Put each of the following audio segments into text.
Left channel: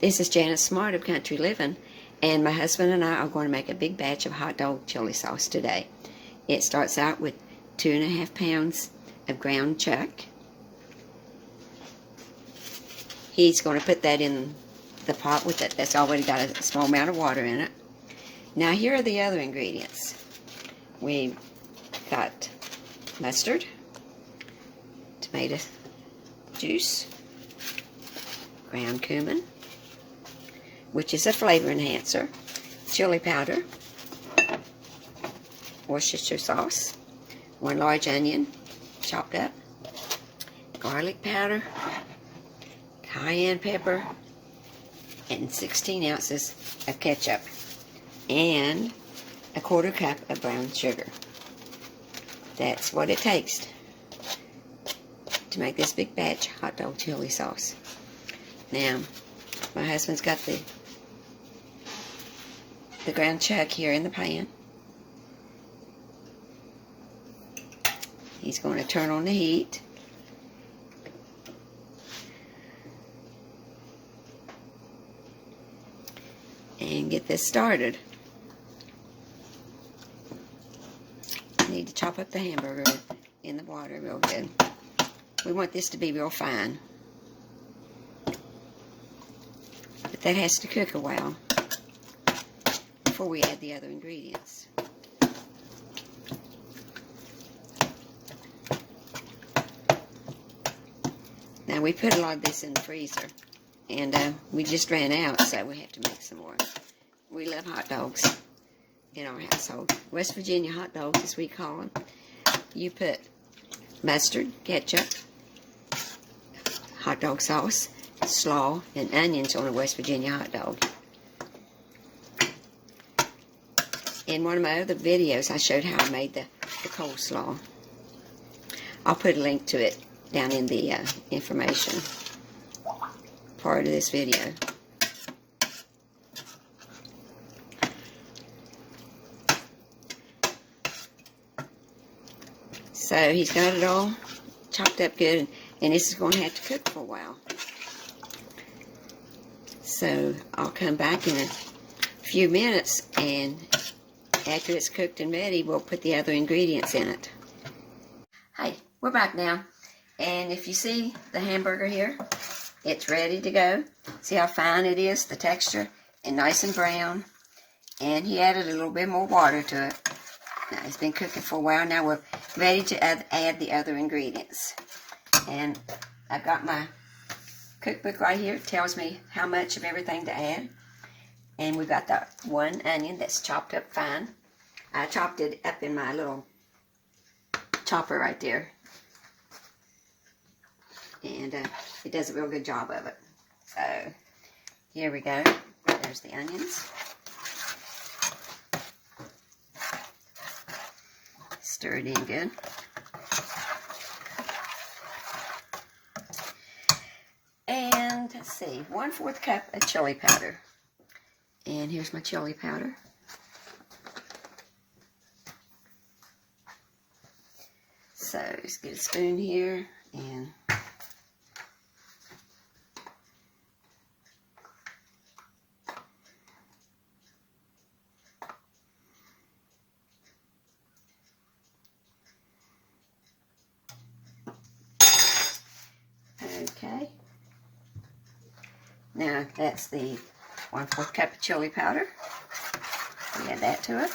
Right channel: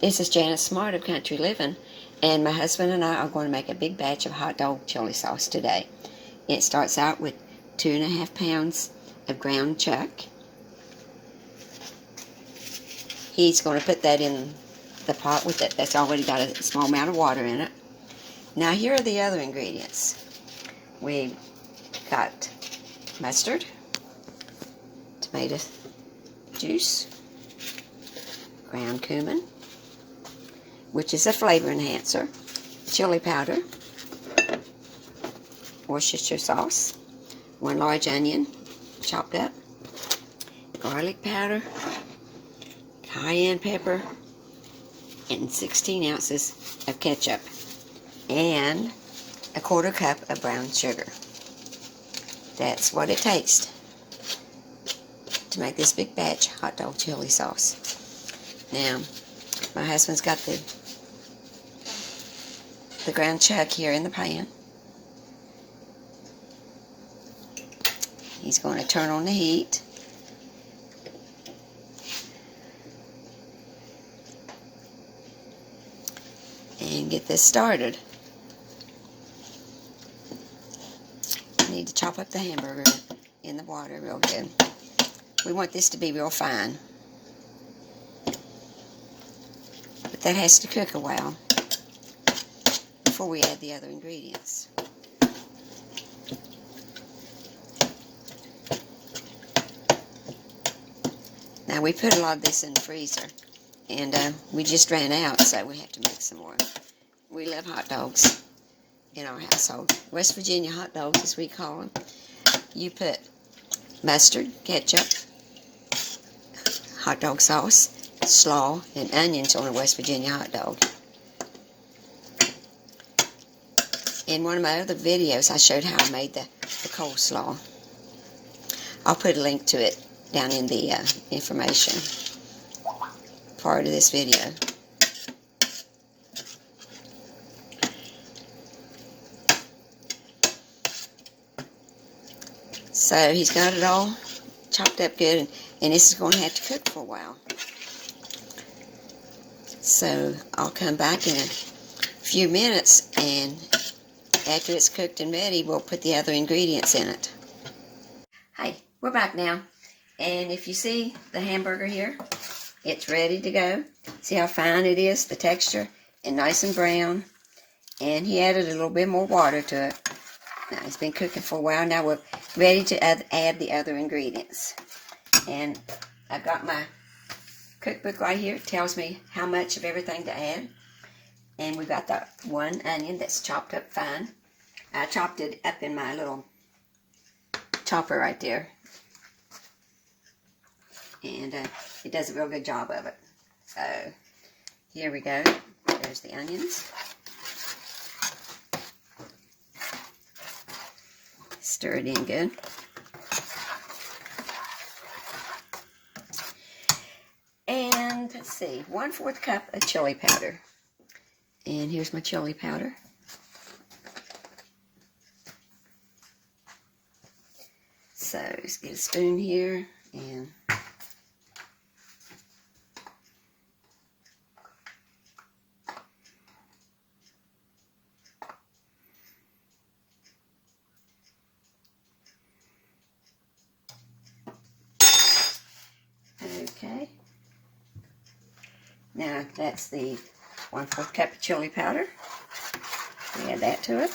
This is Janice Smart of Country Living, and my husband and I are going to make a big batch of hot dog chili sauce today. It starts out with 2.5 pounds of ground chuck. He's going to put that in the pot with it. That's already got a small amount of water in it. Now here are the other ingredients. We've got mustard, tomato juice, ground cumin, which is a flavor enhancer, chili powder, Worcestershire sauce, 1 large onion chopped up, garlic powder, cayenne pepper, and 16 ounces of ketchup, and a 1/4 cup of brown sugar. That's what it takes to make this big batch hot dog chili sauce. Now, my husband's got the ground chuck here in the pan. He's going to turn on the heat. And get this started. Need to chop up the hamburger in the water real good. We want this to be real fine. But that has to cook a while before we add the other ingredients. Now we put a lot of this in the freezer, and we just ran out, so we have to make some more. We love hot dogs in our household. West Virginia hot dogs, as we call them. You put mustard, ketchup, hot dog sauce, slaw, and onions on a West Virginia hot dog. In one of my other videos, I showed how I made the coleslaw. I'll put a link to it down in the information part of this video. So he's got it all chopped up good, and this is going to have to cook for a while. So I'll come back in a few minutes, and after it's cooked and ready, we'll put the other ingredients in it. Hey, we're back now. And if you see the hamburger here, it's ready to go. See how fine it is, the texture, and nice and brown. And he added a little bit more water to it. Now, it's been cooking for a while. Now we're ready to add the other ingredients. And I've got my cookbook right here. It tells me how much of everything to add. And we've got that 1 onion that's chopped up fine. I chopped it up in my little chopper right there. And it does a real good job of it. So, here we go. There's the onions. Stir it in good. And, let's see, 1/4 cup of chili powder. And here's my chili powder. So, let's get a spoon here and okay. Now that's the 1/4 cup of chili powder. We add that to it.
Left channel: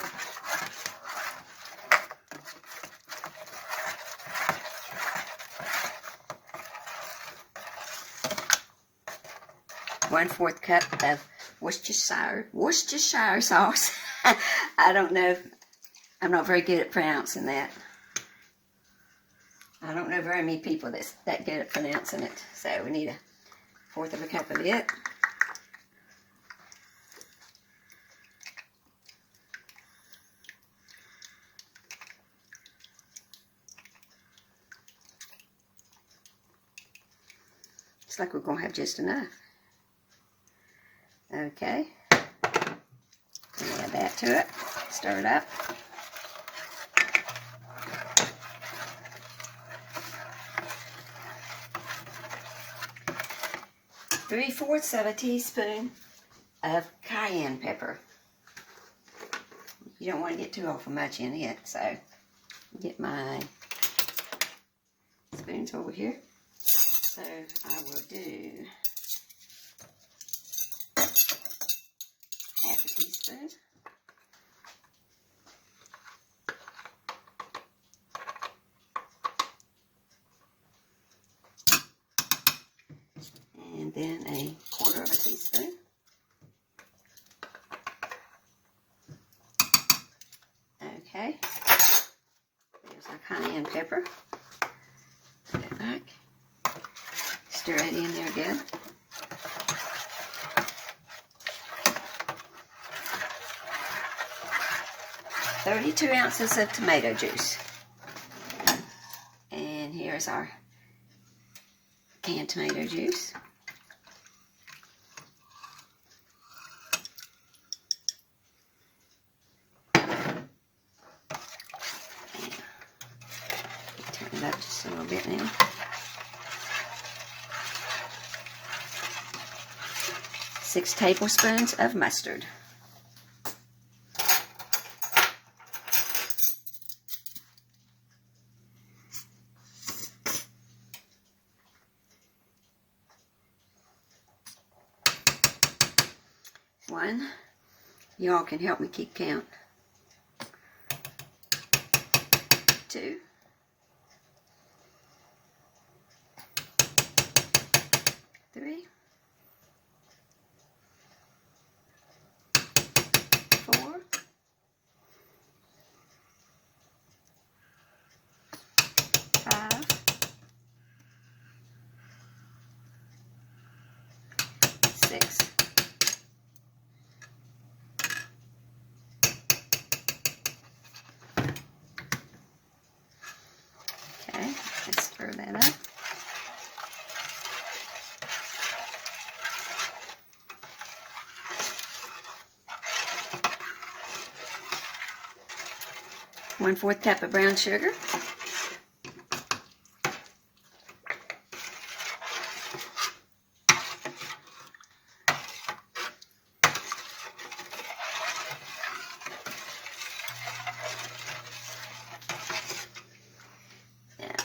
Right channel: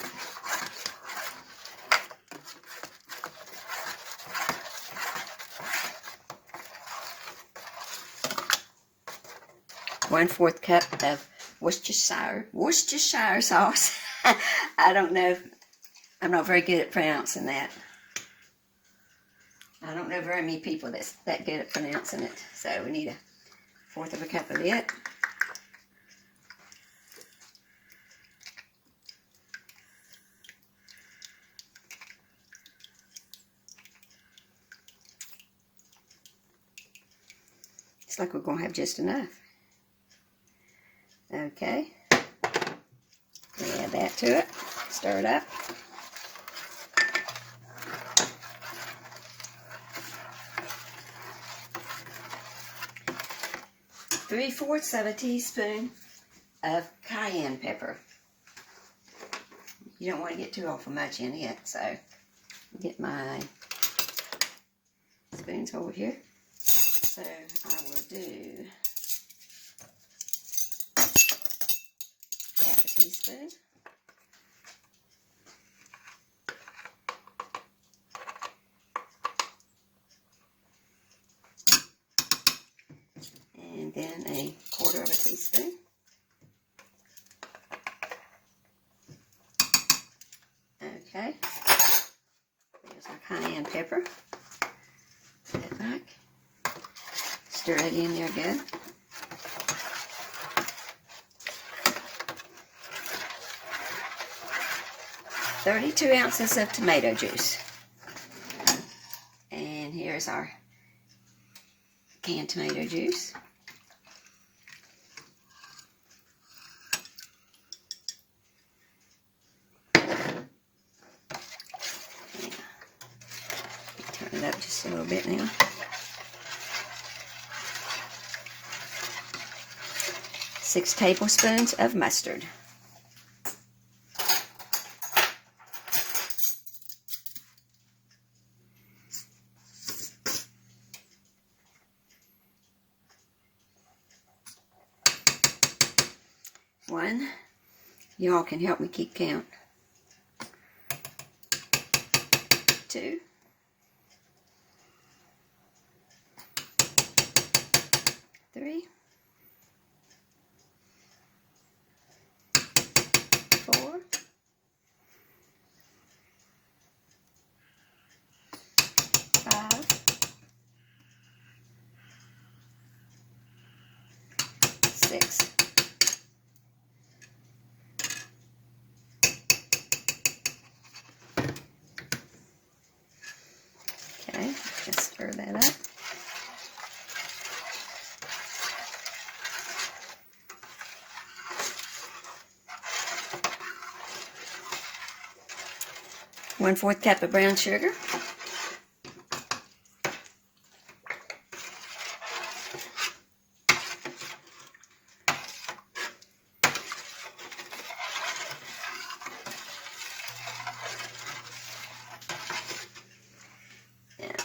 One-4 cup of Worcestershire sauce. I don't know. I'm not very good at pronouncing that. I don't know very many people that's that good at pronouncing it. So we need 1/4 cup of it. Looks like we're going to have just enough. Okay. We add that to it. Stir it up. 3/4 of a teaspoon of cayenne pepper. You don't want to get too awful much in it, so get my spoons over here. So I will do half a teaspoon. And then a 1/4 of a teaspoon. Okay. There's our cayenne pepper. Put it back. Stir it in there good. "32 ounces of tomato juice." And here's our canned tomato juice. Turn it up just a little bit now. Six tablespoons of mustard. One. Y'all can help me keep count. 2. 3. 4. 5. 6. 1/4 cup of brown sugar. Yeah.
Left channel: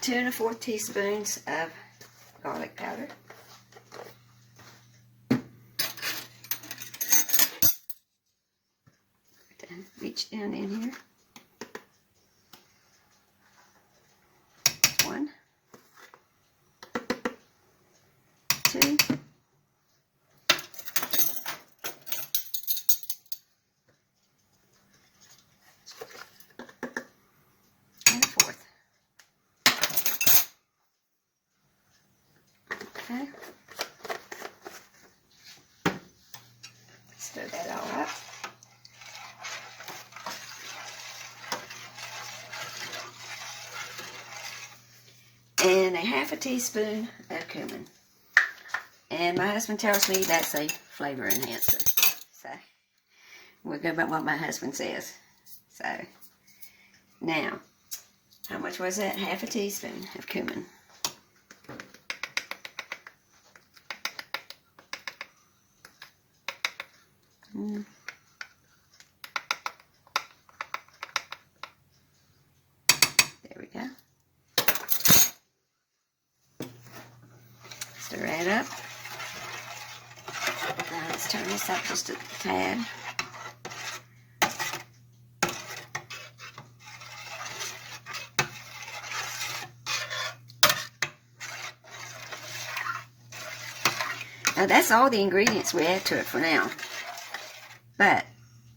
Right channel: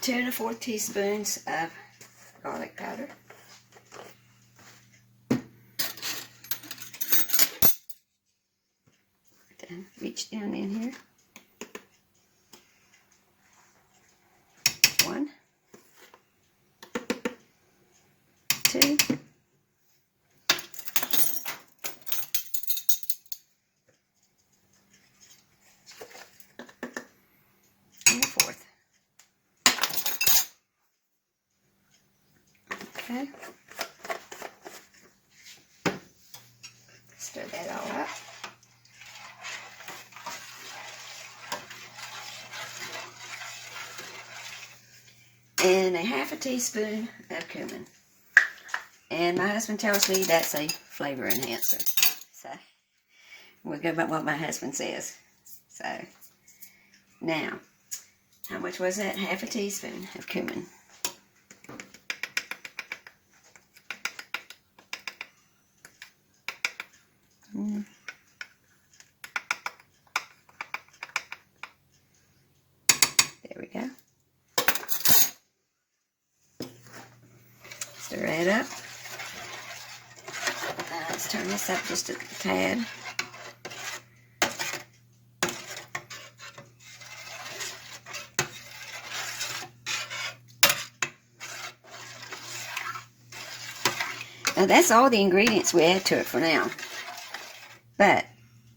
2 1/4 teaspoons of garlic powder. Reach down in here. 1, 2, and 1/4. Okay. Stir that all up. And a 1/2 teaspoon of cumin. And my husband tells me that's a flavor enhancer. So we'll go by what my husband says. So now, how much was that? 1/2 teaspoon of cumin. There we go. Stir that up. Now let's turn this up just a tad. Now that's all the ingredients we add to it for now. But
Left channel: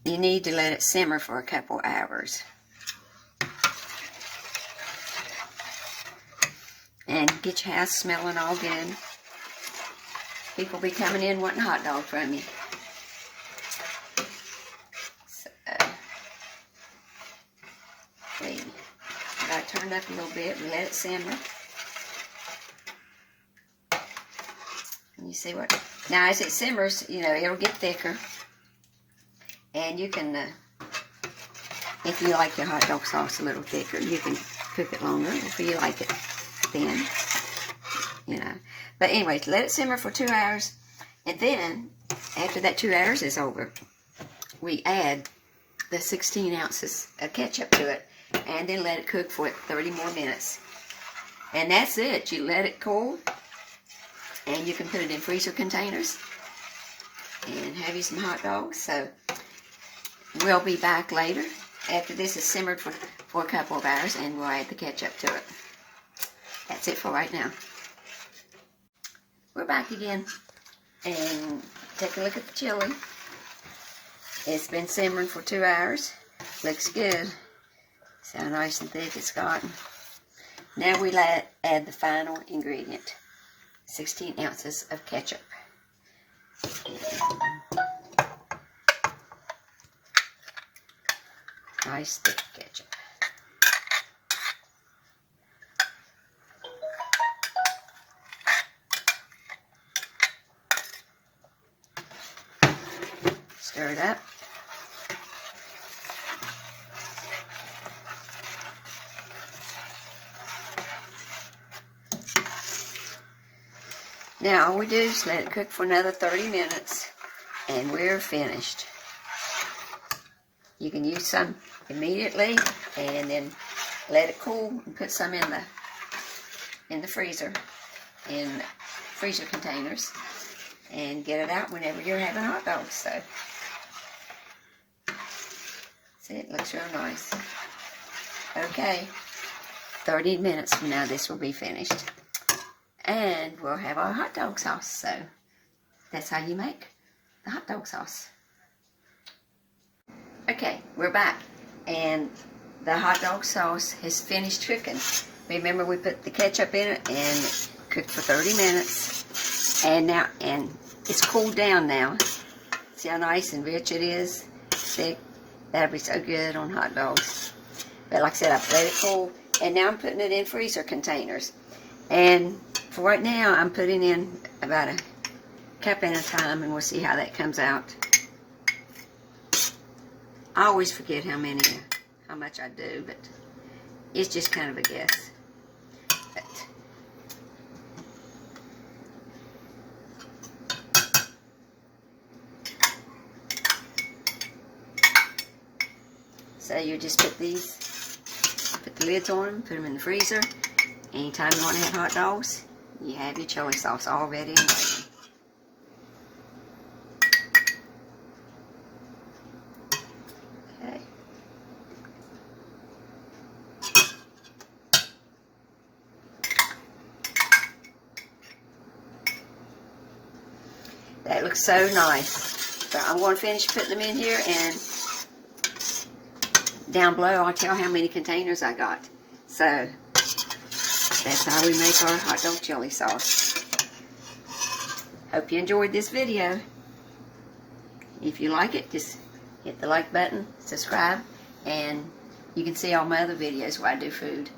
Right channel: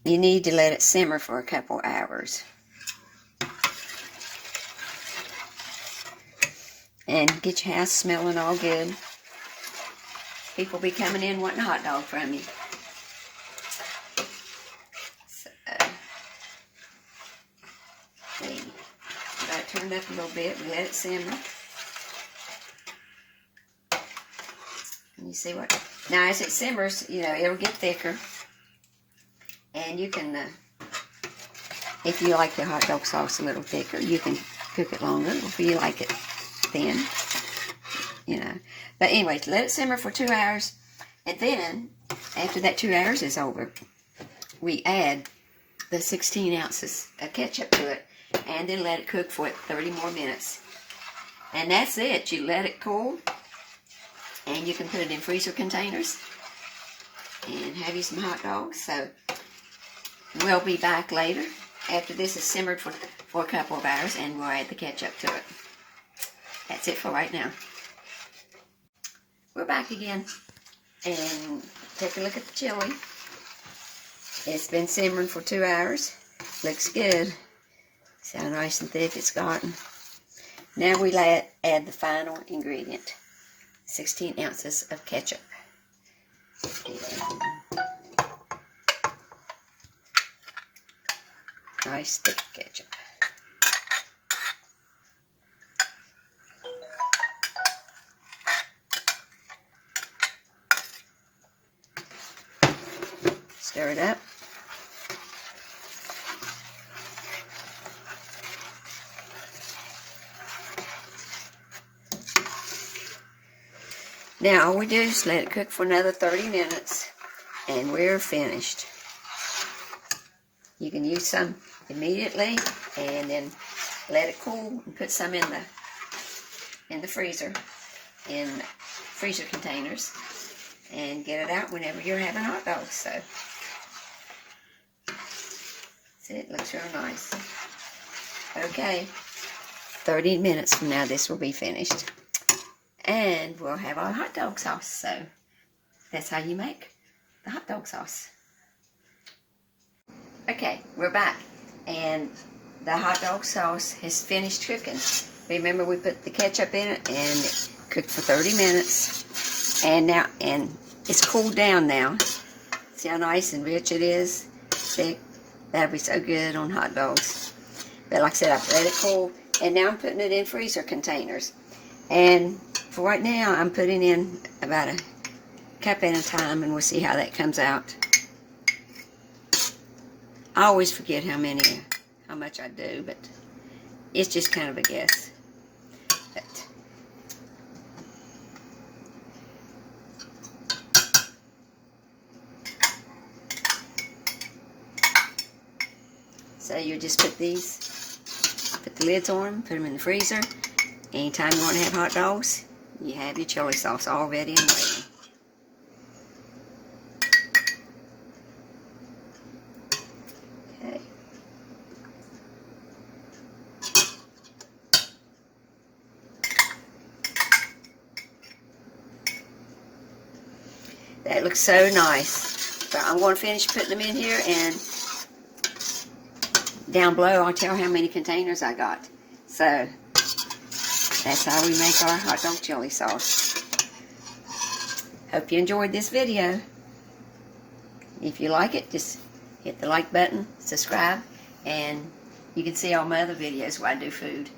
you need to let it simmer for a couple hours. And get your house smelling all good. People be coming in wanting a hot dog from you. So, see, got it turned up a little bit. We let it simmer. And you see what? Now, as it simmers, you know, it'll get thicker. And you can, if you like your hot dog sauce a little thicker, you can cook it longer. If you like it thin, you know. But anyways, let it simmer for 2 hours. And then, after that 2 hours is over, we add the 16 ounces of ketchup to it. And then let it cook for 30 more minutes. And that's it. You let it cool. And you can put it in freezer containers. And have you some hot dogs. So, we'll be back later after this is simmered for a couple of hours. And we'll add the ketchup to it. That's it for right now. We're back again. And take a look at the chili. It's been simmering for 2 hours. Looks good. See how nice and thick it's gotten. Now we add the final ingredient. 16 ounces of ketchup. Nice thick ketchup. Stir it up. Now all we do is let it cook for another 30 minutes and we're finished. You can use some immediately and then let it cool and put some in the freezer, in freezer containers, and get it out whenever you're having hot dogs. So see, it looks real nice. Okay, 30 minutes from now this will be finished. And we'll have our hot dog sauce. So that's how you make the hot dog sauce. Okay, we're back. And the hot dog sauce has finished cooking. Remember, we put the ketchup in it and it cooked for 30 minutes. And it's cooled down now. See how nice and rich it is? Thick. That'll be so good on hot dogs. But like I said, I've let it cool. And now I'm putting it in freezer containers. And for right now, I'm putting in about a cup at a time, and we'll see how that comes out. I always forget how much I do, but it's just kind of a guess. But so you just put the lids on them, put them in the freezer. Anytime you want to have hot dogs, you have your chili sauce all ready and waiting. Okay. That looks so nice. But I'm going to finish putting them in here, and down below I'll tell how many containers I got. So that's how we make our hot dog chili sauce. Hope you enjoyed this video. If you like it, just hit the like button, subscribe, and you can see all my other videos where I do food.